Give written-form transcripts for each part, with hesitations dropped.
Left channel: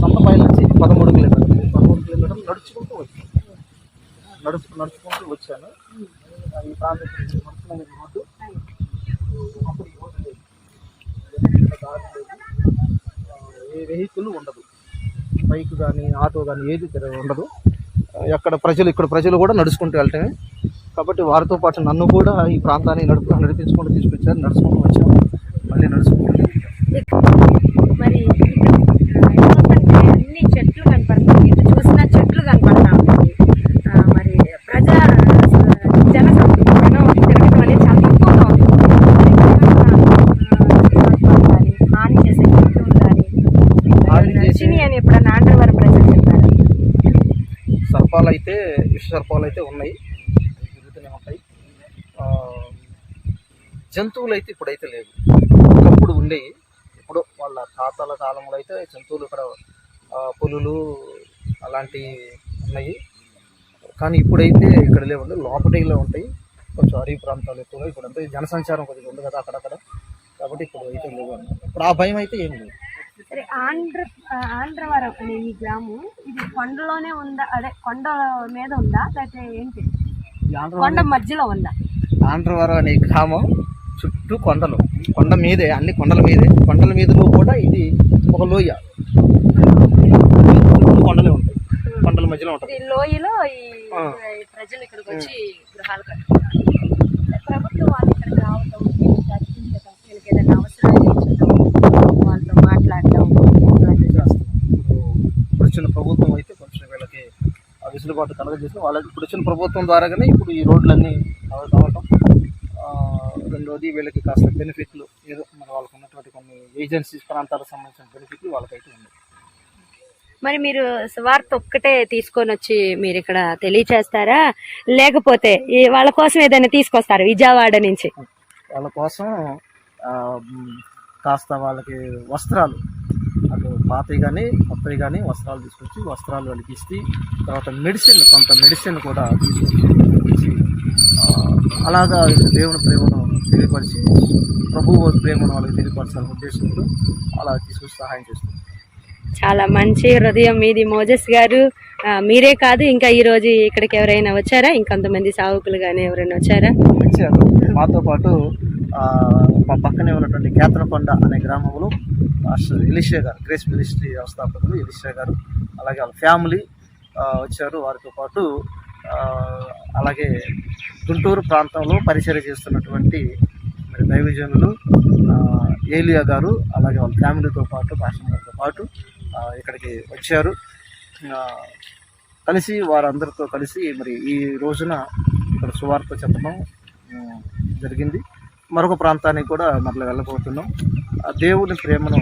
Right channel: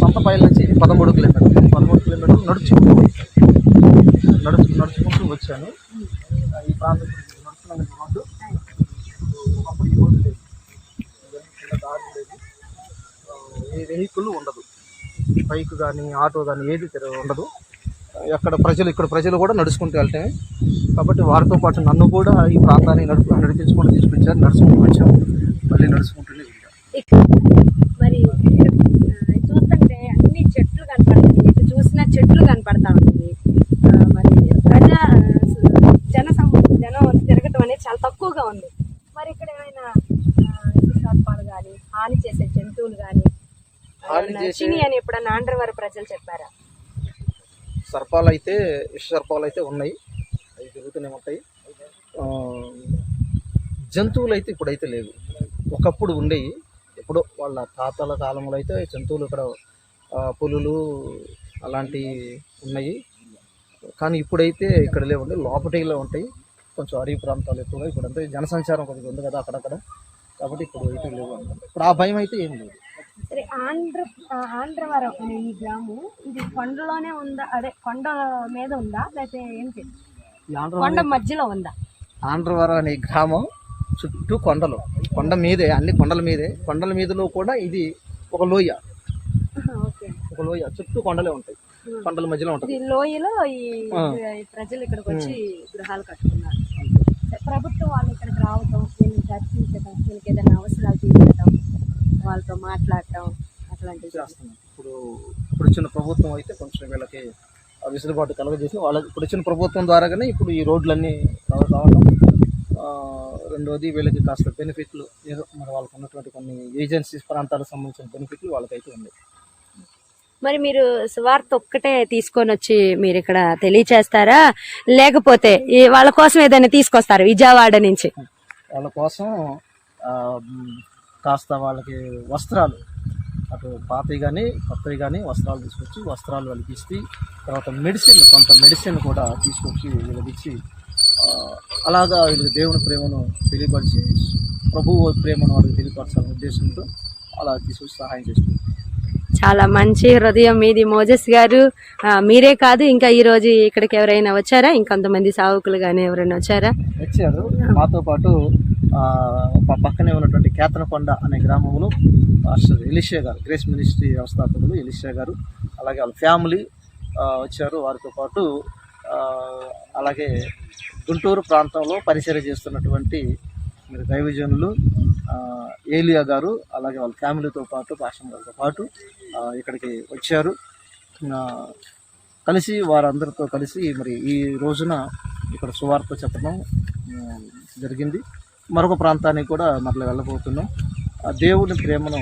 సంతపాయల నుంచి 13 కిలోమీటర్లు 13 కిలోమీటర్లు నడుచుకుంటూ వచ్చాను. ఈ ప్రాంతం నడుస్తున్నాను రోడ్డు. ఒకప్పుడు ఈ రోడ్డు లేదు, దారి లేదు, ఏ వెహికల్ ఉండదు, బైక్ కానీ ఆటో కానీ ఏది ఉండదు. ఇక్కడ ప్రజలు కూడా నడుచుకుంటూ వెళ్ళటమే. కాబట్టి వారితో పాటు నన్ను కూడా ఈ ప్రాంతాన్ని నడిపించుకుంటూ తీసుకొచ్చారు. నడుచుకుంటూ వచ్చాము, మళ్ళీ నడుచుకుంటూ మరి అన్ని చెట్లు కనపడతాయి, ఇటు చూసిన చెట్లు కనపడతా ఉంటుంది. మరి జనసంఖ్య తిరగటం అనేది చాలా తక్కువగా ఉంటుంది. కానీ హాని చేసే జంతువులు కానీ చిని అని ఎప్పుడన్నా ఆంధ్రవరం ప్రజలు చెప్పారు. విష సర్పాలు అయితే ఉన్నాయి, అవి తిరుగుతూనే ఉంటాయి. జంతువులు అయితే ఇప్పుడైతే లేవు, ఒకప్పుడు ఉండేవి. ఎప్పుడో వాళ్ళ తాతల కాలంలో అయితే జంతువులు ఇక్కడ పులులు అలాంటివి ఉన్నాయి. కానీ ఇప్పుడైతే ఇక్కడ లేవండి, లోపటిలో ఉంటాయి. కొంచెం అడవి ప్రాంతాలు ఎక్కువగా ఇప్పుడంతా జనసంచారం కొద్దిగా ఉంది కదా అక్కడక్కడ, కాబట్టి ఇప్పుడు అయితే లేవు అన్నమాట. ఇప్పుడు ఆ భయం అయితే ఏం లేదు. సరే, ఆంధ్రవరం అనే ఈ గ్రామం ఇది కొండలోనే ఉందా, అదే కొండ మీద ఉందా లేకపోతే ఏంటి, కొండ మధ్యలో ఉందా? ఆంధ్రవరం అనే గ్రామం చుట్టూ కొండలు, కొండ మీదే, అన్ని కొండల మీదే. కొండల మీదలో కూడా ఇది ఒక లోయ, చుట్టూ కొండలే ఉంటాయి, కొండల మధ్యలో ఉంటుంది. లోయలో ఈ ప్రజలు ఇక్కడికి వచ్చి గృహాలు కట్టుకున్నారు. ప్రభుత్వం వాళ్ళు ఇక్కడికి రావటం, చర్చించడం, వీళ్ళకి ఏదైనా అవసరాలు తీర్చడం, వాళ్ళతో మాట్లాడటం చేస్తున్నాం. ఇప్పుడు వచ్చిన ప్రభుత్వం అయితే కొంచెం వీళ్ళకి వెసులుబాటు కలగజేసిన ఇప్పుడు వచ్చిన ప్రభుత్వం ద్వారాగానే ఇప్పుడు ఈ రోడ్లన్నీ రావటం. రెండోది వీళ్ళకి కాస్త బెనిఫిట్లు ఏదో మరి వాళ్ళకు ఉన్నటువంటి కొన్ని ఏజెన్సీస్ ప్రాంతాలకు సంబంధించిన బెనిఫిట్లు వాళ్ళకైతే ఉన్నాయి. మరి మీరు సువార్త ఒక్కటే తీసుకొని వచ్చి మీరు ఇక్కడ తెలియచేస్తారా, లేకపోతే వాళ్ళ కోసం ఏదైనా తీసుకొస్తారా విజయవాడ నుంచి? వాళ్ళ కోసం కాస్త వాళ్ళకి వస్త్రాలు, అటు పాతవి కానీ కొత్తవి కానీ వస్త్రాలు తీసుకొచ్చి వస్త్రాలు వాళ్ళకి ఇస్తే, తర్వాత కొంత మెడిసిన్ కూడా తీసుకొచ్చి ఇచ్చి, అలాగా దేవుని ప్రేమను తెలియపరిచి ప్రభువు ప్రేమను వాళ్ళకి తెలియపరచాలనే ఉద్దేశంతో అలా తీసుకొచ్చి సహాయం చేస్తుంది. చాలా మంచి హృదయం మీది మోజెస్ గారు. మీరే కాదు, ఇంకా ఈ రోజు ఇక్కడికి ఎవరైనా వచ్చారా? ఇంకొంతమంది సావుకులు కానీ ఎవరైనా వచ్చారు. మాతో పాటు మా పక్కనే ఉన్నటువంటి కేతనకొండ అనే గ్రామంలో మాస్టర్ ఎలీషా గారు, గ్రేస్ మినిస్ట్రీ వ్యవస్థాపకులు ఎలీషా గారు, అలాగే వాళ్ళ ఫ్యామిలీ వచ్చారు. వారితో పాటు అలాగే గుంటూరు ప్రాంతంలో పరిచర్య చేస్తున్నటువంటి మరి దైవజనులు ఏలియా గారు, అలాగే వాళ్ళ ఫ్యామిలీతో పాటు పాస్టర్ గారితో పాటు ఇక్కడికి వచ్చారు. కలిసి వారందరితో కలిసి మరి ఈ రోజున ఇక్కడ సువార్త చెప్పడం జరిగింది. మరొక ప్రాంతానికి కూడా మరలా వెళ్ళబోతున్నాం. ఆ దేవుని ప్రేమను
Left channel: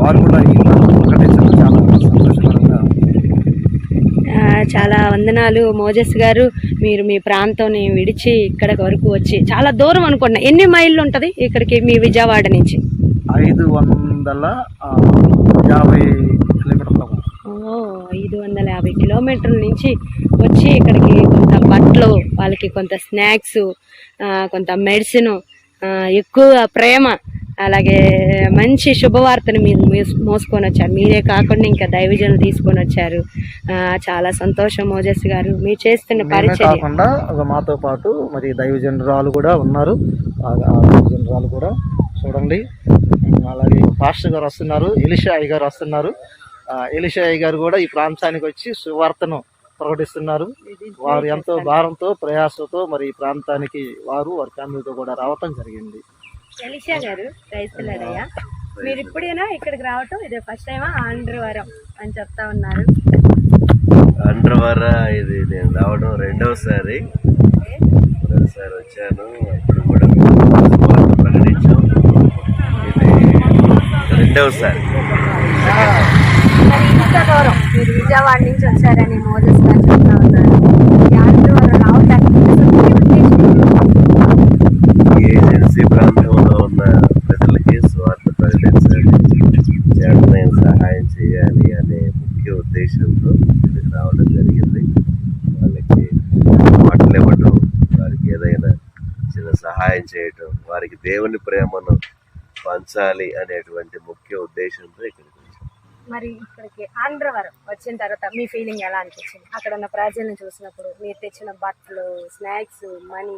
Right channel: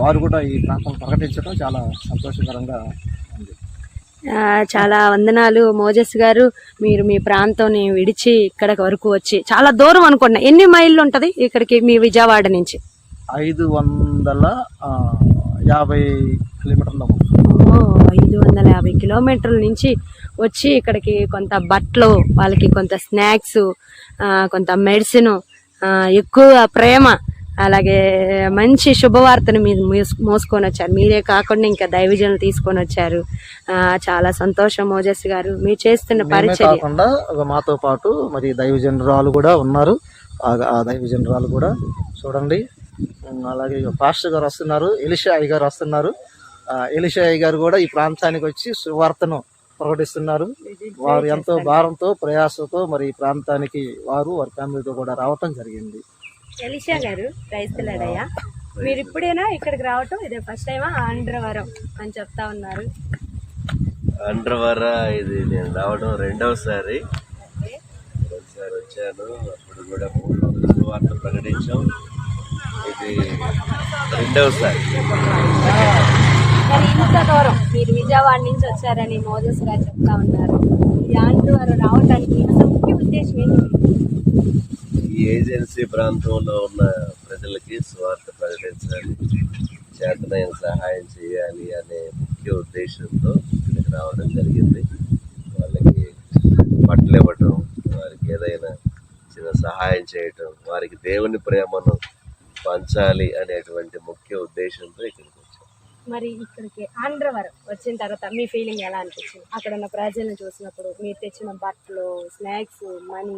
వారు కూడా ఈ ప్రాంతం ప్రకటించడం చాలా సంతోషకరంగా. చాలా వందనాలు మోజెస్ గారు. మీరు మీ ప్రాంతాన్ని విడిచి ఇక్కడ వరకు వచ్చి, చాలా దూరం అనుకున్నా, ఎన్ని మైళ్ళు ఉంటుంది ఇక్కడికి మీ విజయవాడ నుంచి? 550 కిలోమీటర్ల. 550 కిలోమీటర్ల నుంచి వచ్చి ఇక్కడికి కొంత బట్టలు, వాళ్ళకి కొంత స్నాక్స్, కొంత మెడిసిన్, ఎక్కువ ప్రేమ, అలాగే మంచి శుభవార్తను మీరు మోసుకొని వచ్చారు. మీరే కాకుండా ఇంకా దైవజనులు తీసుకొని వచ్చారు. చాలా సంతోషం మోజెస్ గారు, మీరు చేస్తున్న పరిచయం. కాకుండా మాతో పాటు మరి దైవజనురాలు కూడా ఉన్నారు. ఆ దైవజనురాలు కూడా చూడండి. అలాగే పాస్టర్ గారు వస్తున్నారు, ఎలీషా అయ్య గారు వస్తున్నారు. ఎలీషా అయ్య గారు కూడా ఈ ప్రాంతానికి వచ్చి సువార్తను ప్రకటిస్తున్నారు. వారు ఎంతో భారంతో ప్రయాసంతో మరి ఈ ప్రాంతానికి వారి ఫ్యామిలీతో కూడా రావటం జరిగింది. ఎలీషా గారు, క్రైస్తవులయ్యా, మీరు ఇప్పుడైనా ఇక్కడికి రావటం ఇదే ఫస్ట్ టైమా? ఆంధ్రవరం అని చెప్తా ఉన్నారు. ఆంధ్రవరం ఇది నేను రావడం రెండవసారి వచ్చాను. అప్పుడు కూడా వార్త ప్రకటించాం. ఇది రెండవసారి. మరి ఇంత దూరం మీరు విజయవాడ నుంచి వచ్చారని మోజెస్ గారు చెప్తా ఉన్నారు. ఈ ఆంధ్రవరం రావటానికి ఏజెన్సీ ప్రాంతంలో ఉన్న ప్రజలకి స్వార్థ ప్రకటించాలి, చేతనైన సహాయం చేయాలి అనే ముఖ్య ఉద్దేశంతో ఇక్కడికి రావడం జరిగింది. వాళ్ళకి బట్టలు ఇవ్వటం, వారికి ఏదైనా చిన్న సహాయం చేయటం, వారికి దేవుని ప్రేమను పంచాలి అనేటువంటి ముఖ్య ఉద్దేశంతో ఇక్కడికి వచ్చాం. మరి ఇక్కడికి ఆంధ్రవరం వచ్చిన తర్వాత మీ ఫీలింగ్ ఎలా అనిపించింది? అక్కడ ఉన్న ప్రజలను చూసినప్పుడు, మీరు తెచ్చిన బట్టలు, స్నాక్స్, మనీ,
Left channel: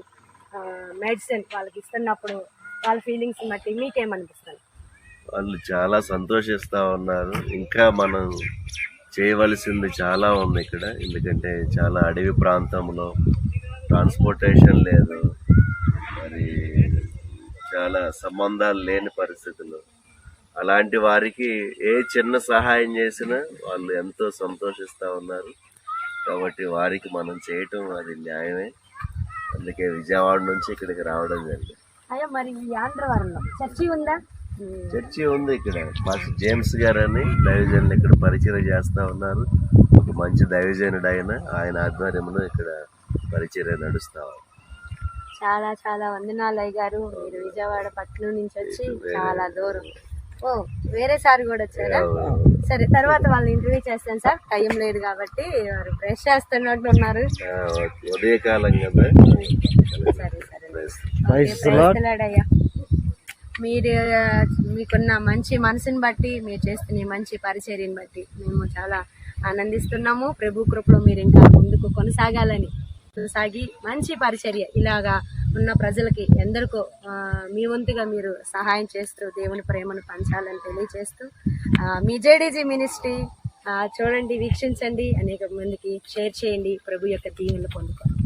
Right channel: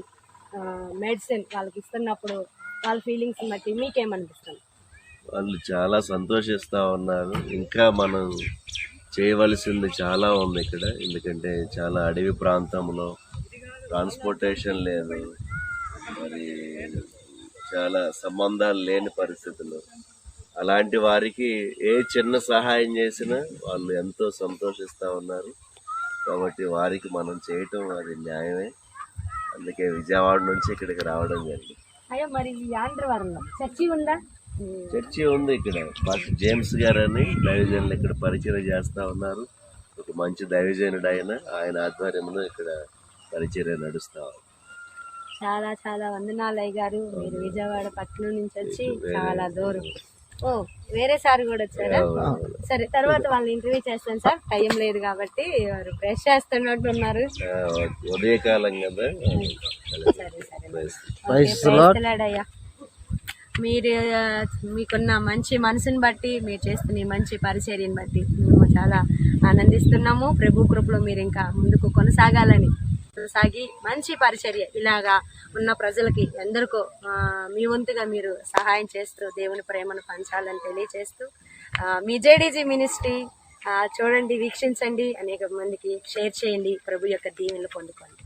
మెడిసిన్ వాళ్ళకి ఇస్తున్నప్పుడు వాళ్ళ ఫీలింగ్స్ బట్టి మీకేమనిపిస్తుంది? వాళ్ళు చాలా సంతోషిస్తూ ఉన్నారు. ఇంకా మనం చేయవలసింది చాలా ఉంది ఇక్కడ. ఎందుకంటే చాలా అడవి ప్రాంతంలో ట్రాన్స్పోర్టేషన్ లేదు, మరి చాలా సంబంధాలు లేని పరిస్థితులు. అలాంటి వారికి ఏ చిన్న సహాయం చేసినా వాళ్ళు ఎంతో సంతోషిస్తూ ఉన్నారు. కాబట్టి వారికి మనం చేయటం అది న్యాయమే. అందుకే విజయవాడ నుంచి ఇక్కడికి రావడం జరిగింది. అయ్యా, మరి ఈ ఆంధ్రవరంలో చర్చి ఉందా? చర్చి ఉంది ఇక్కడ. పాస్టర్ జేమ్స్ గారు అని దైవజనులు ఇక్కడ పరిచయం చేస్తూ ఉన్నారు. ఒక మంచి దైవజనుడు ఆయన ఆధ్వర్యంలో ఇక్కడ పరిచర్య నడుస్తా ఉంది. చాలా చాలా వందనాలు అయ్య గారు. మీరు విజయవాడ పట్టణం నుంచి వచ్చి చాలా దూరం. ఓ, వేరే సార్ కూడా వచ్చారా? సరే, తర్వాత వాళ్ళని ఇంటర్వ్యూ చేస్తాను సార్, టైం లేదు కాబట్టి. వారు బ్రష్ చేస్తున్నట్టు ఉన్నారు. ఉదయకాలం కదా. సరే సరే, ప్రైజ్ ది లార్డ్. అయ్యా, మీరు మీకున్న మంచి మనసుని బట్టి, మీరు చేస్తున్న ఈ మంచి పరిచర్యని బట్టి మేము చాలా ఆనందిస్తున్నాము. ప్రభు కృపలో మీరు ఇంకా ముందుకు కొనసాగాలని, సాగి మంచి పరిచర్య ఇలాగా ఉన్న ప్రజలకి ఎందరికో మీ వంతుగా మీరు సహాయం చేస్తూ దేవుని ప్రేమను పంచాలని తెలియజేస్తూ, మీ జేడీజీ మినిస్ట్రీ చూడండి, వీక్షించండి, అనేక మందికి షేర్ చేయండి. ప్రభు యొక్క దీవెనలు పొందుకోండి.